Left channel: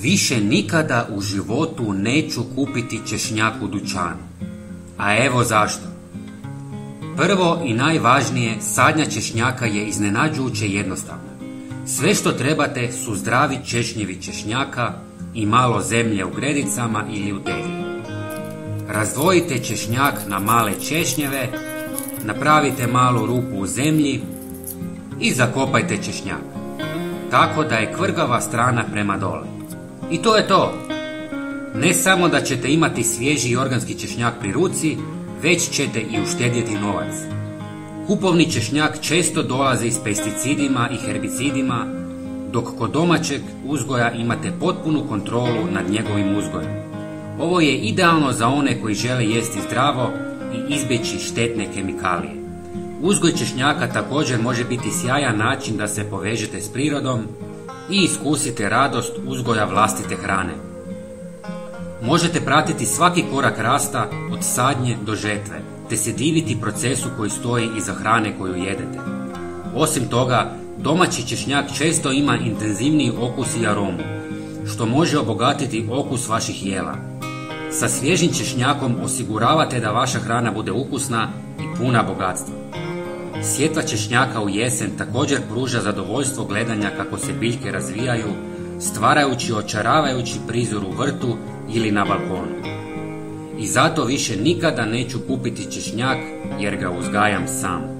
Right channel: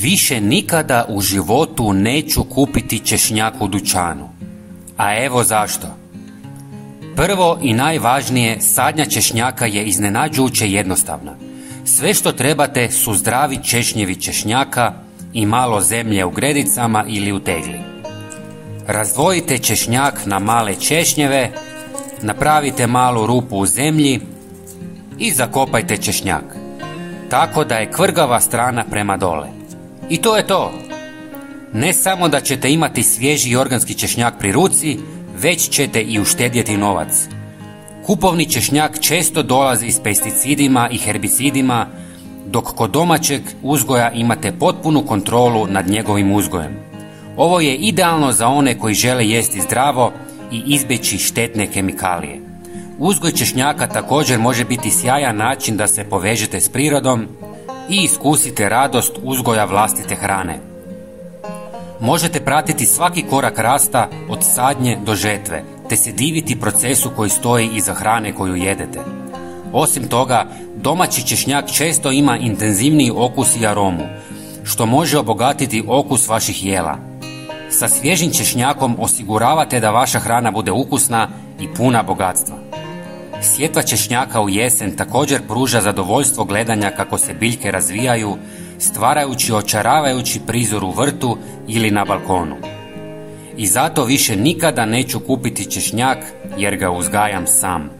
Više nikada u životu neću kupiti češnjak u dućanu. A evo zašto. Prvo i najvažnije, sadnja češnjaka je iznenađujuće jednostavna. Sve što trebate su zdravi češnjevi češnjaka i malo zemlje u gredicama ili u tegli. Razdvojite češnjak na male češnjeve, napravite malu rupu u zemlji i zakopajte češnjak, tako da je kvrgava strana prema dole. I to je to. Ne samo da ćete imati svježi i organski češnjak pri ruci, već ćete i uštedjeti novac. Kupovni češnjak često dolazi s pesticidima i herbicidima, dok kod domaćeg uzgoja imate potpunu kontrolu nad njegovim uzgojem. Ovo je idealno za one koji žele jesti zdravo i izbjeći štetne kemikalije. Uzgoj češnjaka također može biti sjajan način da se povežete s prirodom i iskusite radost uzgoja vlastite hrane. Možete pratiti svaki korak rasta od sadnje do žetve, te se diviti procesu koji stoji iza hrane koju jedete. Osim toga, domaći češnjak često ima intenzivniji okus i aromu, što može obogatiti okus vaših jela. Sa svježim češnjakom osiguravate da vaša hrana bude ukusna i puna bogatstva. Sjetva češnjaka u jesen također pruža zadovoljstvo gledanja kako se biljke razvijaju, stvarajući očaravajući prizor u vrtu ili na balkonu. I zato više nikada neću kupiti češnjak jer ga uzgajam sam.